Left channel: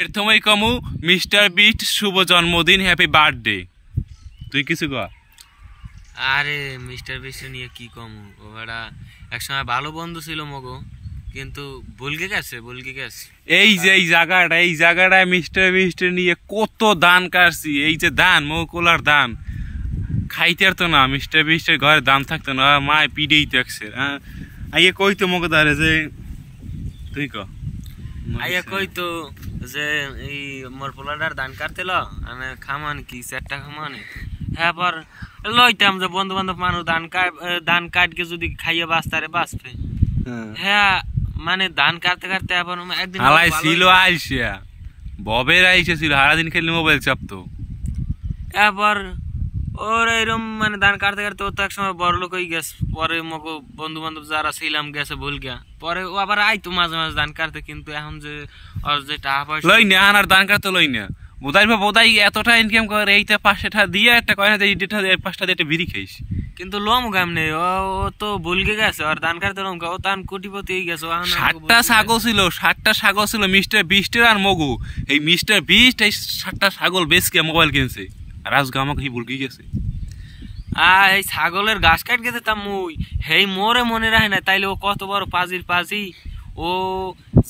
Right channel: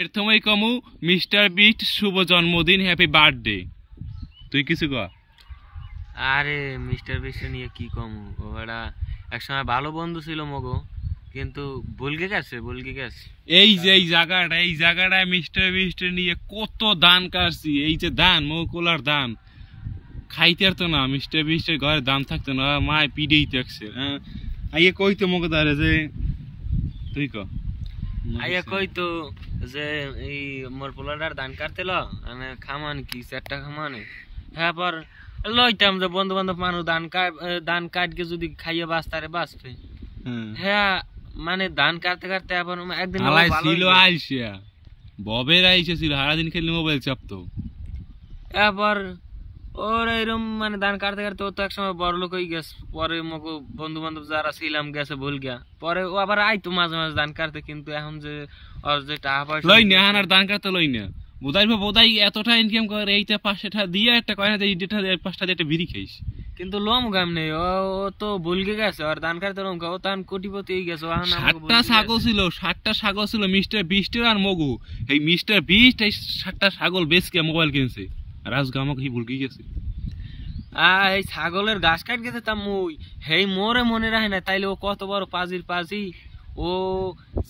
প্রথমেই কমু mister beast শুভ জন্মদিন, হ্যাপি বার্থডে। তুই কিছু কর। আরে মিস্টার বিস্ট নিয়ে কি কমু, ওরা একসময় ভালো বন্ধু ছিল মগো, কিন্তু বলকে গেছে। এই যে এই জায়গাটায় মিস্টার বিস্ট নিয়ে কত ধান কাটছি। এই যে ধান মৌকলার ধান খাইতে আর তো না, মিস্টার বিস্টের ঘরে দাম থাকতো না, মায় পিড়েই থাকছে। আইয়ে কইতো মগো দাঁড়ে যে তুই ক আইয়া কইতো যে এই মোর পোলাটার ধান কাটতেল মানে খামান কি চারটা খামানে, হ্যাঁ পর লইতাম যে বন্ধু বান্ধব মানুষ ধান কাটকে যদি খাইয়ে বাঁচতারে বাঁচবে। হ্যাঁ মানে ধান কাটতে কাটতে আবার একদিন ছিল আইসিয়া ববের আইসা ছিল, সারাদিন খেললে মোবাইল চাপতো। এরপর ওর এরম মানে ধান কাটতে কাটতে ও তো একসময় বড় লোক হয়ে গেছে। পরে মগো বন্ধু বান্ধব যারা ছিলাম গেছে ভুল গিয়া, পরে ও আবার আইতো মাঝে মাঝে ধান কাটতে। কিন্তু এখন যে ওর যে টাকা পয়সা লই না, আর ধান কাটতে লই না। বোধাই এতটা ইনকাম করে, এইটা 500 দিয়ে একটা কয় না 5টা দিয়ে একটা বিড়ি খাইস। কিন্তু লোম গাম নেই, ও তো ভুলকে গেছে। আর ধান কাটতে লোম ও তান কোটিপতি হয়ে গেছে। 7টা ছাগল ছিল মিস্টার বিস্টের আর মগু। এই মিস্টার বিস্ট এই 7টা ছাগল বেচকে মোবাইল কিনছে, আর আজকে আমাকে ভুলকে গেছে। এই ছাগলের ঘাস কাট গেছে তা মুই হেই মোরে মনে রাখে না, তাইলে ও কত বড় পাজি। ও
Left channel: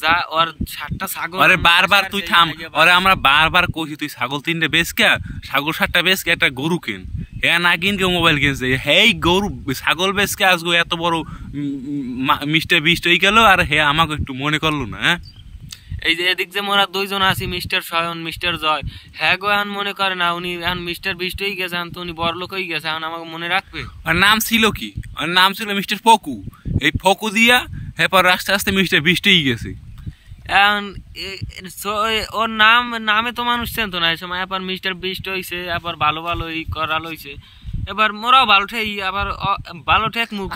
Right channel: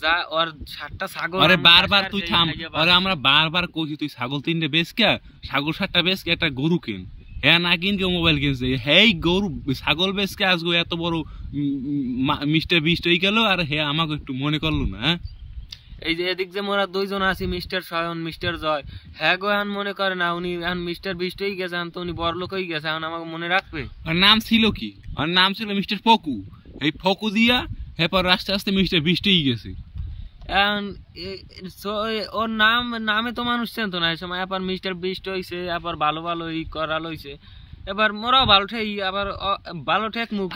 যা ওর 7টা ছাগল। আরে বারবার তুই থাম, আরে আমরা বারবার কইছি তুই ছাগল 3টে বেচকে, ছাগল 7টা বেচকে একটা গরু কিন। হ্যাঁ না কিনকে মোবাইল কিনছে। হেই গরু ছাগল বেচকে আজকে এত বড় মিস্টার বিস্ট হয়ে গেল, আর হে আমাকে একটু মনে করলো না। হ্যাঁ এই যে এদিক যে মোরা দুইজন আছি, মিস্টার শয়ন মিস্টার জয়, হ্যাঁ গো এখন মনে করে না উনি এখন মিস্টার বিস্ট হয়ে গেছে, এখন তো উনি বড় লোক হয়ে গেছে, এখন আমাকে মনে রাখবে। আর নাম ছিল কি? আর নাম ছিল মিস্টার ফকু। এই ফকু দিয়া এরপর আস্তে আস্তে মিস্টার বিস্ট হয়ে গেছে। এখন ওর নামে তো মানুষ চেনতো না এই সময়। এবার মিস্টার বিস্ট হয়েছে, আবার ভালো এই করা লইছে। এবার মোরাও ভালো ঠেক, আবার ভালো ঠেক মুখ।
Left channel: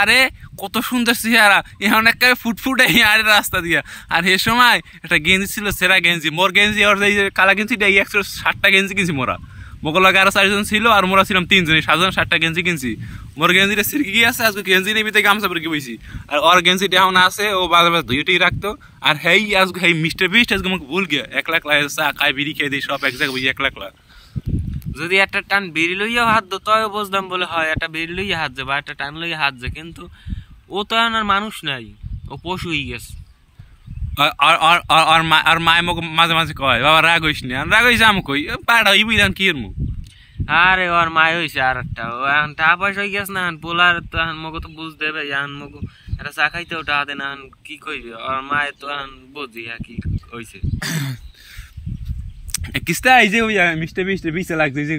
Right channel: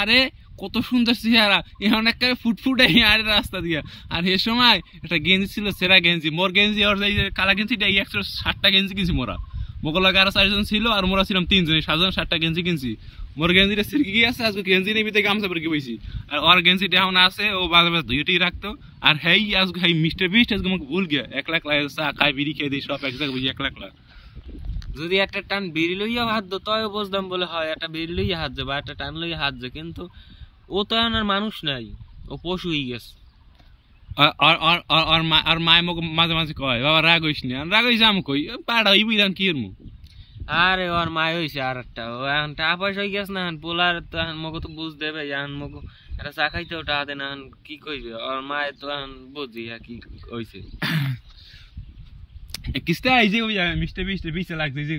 আরে কত সুন্দর চেহারা, এখন একটা ফুটফুটে আরে রাস্তা দিয়া। আর এ সময় একটা গেঞ্জি ছিল, সেরা গেঞ্জি, মোর গেঞ্জি ওর কালা গেঞ্জিটা 160টা গেঞ্জি কিনছি মোরা। মোগলাকে আরো 4জন ছিল, আর মোরা ছিলাম 3জন, 7জন 7টা গেঞ্জি কিনছি। মোর গেঞ্জিটা সিরকি গিয়ে আছে, আজকে গেঞ্জি নেই ভিতরে গামছা পরে বইছি। আর ওর গেঞ্জিটা এখন আছে, ও বাজার ধুইটেই রাখতো। আর হেই আজকে হেই মিস্টার বিস্ট আজকে আমাকে ভুল গিয়া 1 লাখ চা খাই বিড়ি খেয়ে দিই সব এক জায়গায় বুঝি 1 লাখ। যদি একটা টান বিড়ি লইয়া হাত দো তাও বুঝতাম, বলে হয় একটা বিড়ি লইয়া হাত যাবে, একটা টান লইয়া হাত যায়। কিন্তু ও তো এখন আর মানুষ নাই, ও পশু হয়ে গেছে। আর মায় মোক মাঝে মাঝে কয় বাবা রাগ হইস না, রাগ হইস আমি কই পাড়া হইবি এখন কি এর মুখ। আরে ওর মায় হয়েছে আর একটা, ও এখন টাকা পয়সা হয়ে গেছে না, এখন পোলার তো এখন মগো তো বুঝ দেবে, এখন মগো একটা চা খাইতেও টাকা দেয় না, এখন কি কইবে। ওর মায় তো এখন বুঝি হ্যাঁ কি হয়েছে। কিস্তা এই যে মিস্টার বিস্টের বিচে লাগছে যে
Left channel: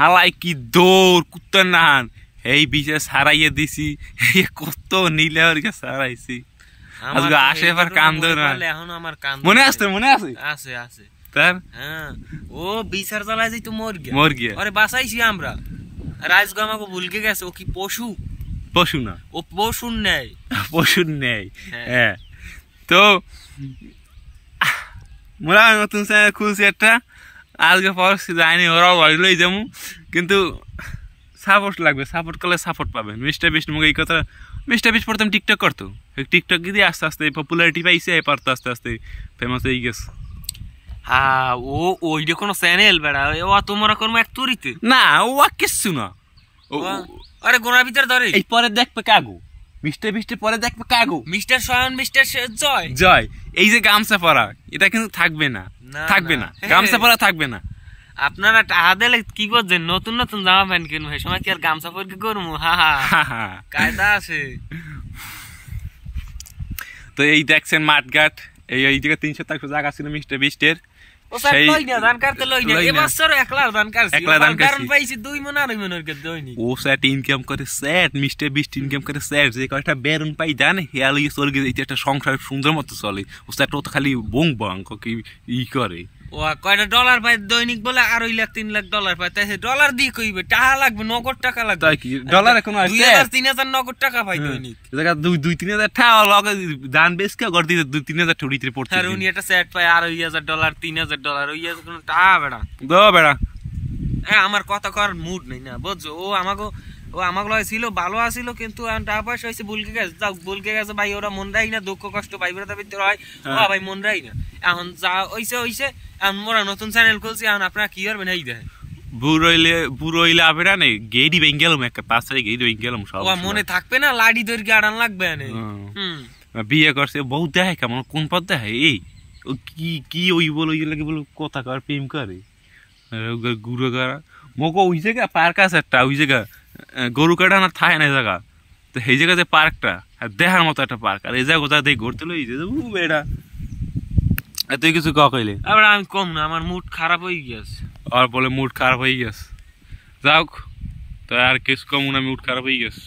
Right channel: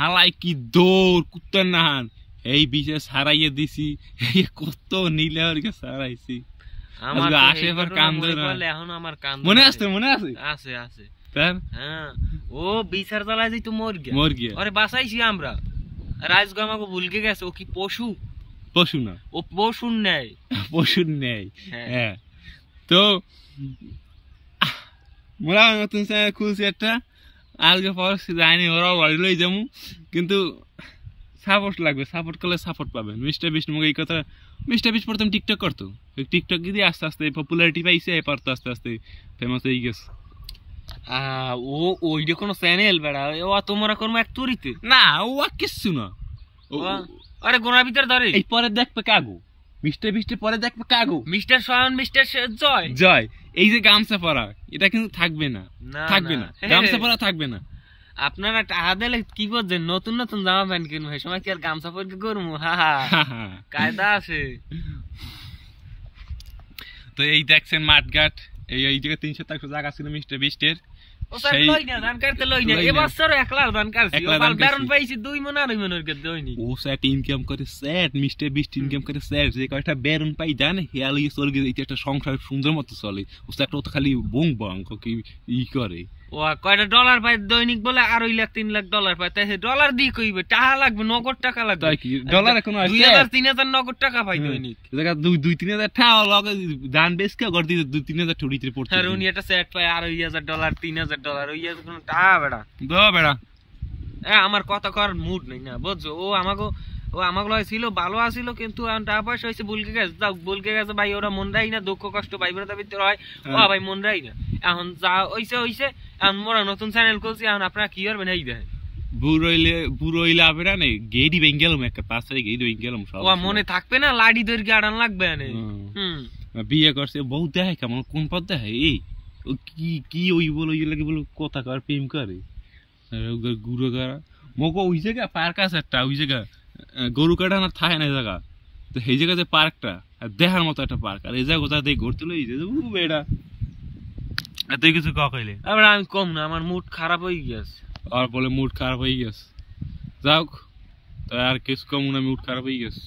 হালাই কি দৌড় কুত্তার নাহান, এই বিচে সারাইয়ে দিছি, কত নীলে সারাইছি। আসে এবার কান্দ না, এখন আমার কান্দ মনে আছে আছে তার। হ্যাঁ ও বিচার চালায় যাই তো মর গিয়া আরে বাঁচাইছি আমরা। রাজগো আমাকে ভুলকে গেছে, ও কি পশু না, ও পশুর নেই। হ্যাঁ তো মোরা নতুন খুলছি একটা, আজকে পরশু যায়নি, ওরাও বাড়িলই যাবো। কিন্তু সাপোর্ট লাগবে, সাপোর্ট করলে সাপোর্ট পাবে। মিস্টার বিস্ট মুখে এই কথা, মিস্টার বিস্ট প্রথম টিকটক করতো, টিকটক দিয়ে আস্তে আস্তে পপুলারিটি পাইছে, এবার তো আস্তে আস্তে ফেমাস হয়ে গেছে। হ্যাঁ ও ওইটা কোনো চ্যানেল বেড়া, ও তোমরা করবো এক তুরিতে না, ও কিচ্ছু না। আরে গোনার ভিতরে ধরে এই পরে দেখবে কাগু মিস্টার বিস্টের পরে দেখবে কাগু মিস্টার শয়ন মিস্টার জয়। এই যে গামছা পরা এটা কিন্তু থাকবে না, গামছা পরা থাকবে না। আপনারা টাকা দিলে কি করছেন, নতুন নতুন জামা প্যান্ট কিনবো, এই সময় কি আর গামছা পরে করবো? কায়দা আছে। তো এই দেখছেন মাঠঘাট, এই জায়গায় 300 জায়গা ছিল মিস্টার বিস্টের। সংসার সুন্দর মতো চলে, খালি বং বং ই করে। ও কয়টা ডলার পায় দৈনিক বলে, আর 2-3 লাখ ডলার পায়। তাই ডলার দিয়ে কইবে টাকা লাগবে, নগদ টাকা লাগবে। ডলার এখন 2,000-3,000 নগদ টাকা পাই দৈনিক। 2-3,000 টাকা লগে দান বেশ কে গড় দিয়ে 2-3,000 ঠুড়িতে পড়ছে। আর উনি একটা সেট পায় আর 2,000 ডলার 3,000 ডলার, ওই কোনো টাকা বেড়া বেড়া। আমার কথা করার মুড নেই না, বুঝছো? ও আমাকে ও আমাকে লয় ছিল ভালো আসিল কিন্তু এখন টাকা পয়সা হয়েছে ভুলকে গেছে, যাও ভুলকে গেছে ভাই, ওরা মন রাই না, দুঃখ কষ্ট ভাই বেড়াতে ভিতরে হয়, ও ভাই মন রাই না। এখন যা হইছে এখন মোরা নতুন চ্যানেল খুলছি, এখন আপনারা কি করবেন এই দেখেন। বুড়ো হইলে আবেরা নেই গেডি ভেঙে গেলাম, একটা 5 তারিখ গেডি ভেঙে গেলাম সব। ও মনে থাকবে না, লাডি ধরে গাড়ান লাগবে না। বিয়ে করছে বউ দেখে কেমন কোন পথ দেখে, এই ও কি কি ওই বল ওই লাগে বল কথা কর প্রেম করে গুরু করা মগো ওই জায়গা পার্ক আছে একটা, ওই জায়গা গরু কাটা না থাকে না জায়গা, তো সেই জায়গাতে পার্কটা দেখার মতো একটা পার্ক, আর এই জায়গা কোথা থেকে ঘুরতে লই বেড়া তুই কিছু কইলে আবার আমি কম না, আমার মুড খারাপ হয়ে গেছে। আর বলে মুড খারাপ হয়ে গেছে, যাও তো আর কিছু কম না, মুড খারাপ হয়ে গেছে।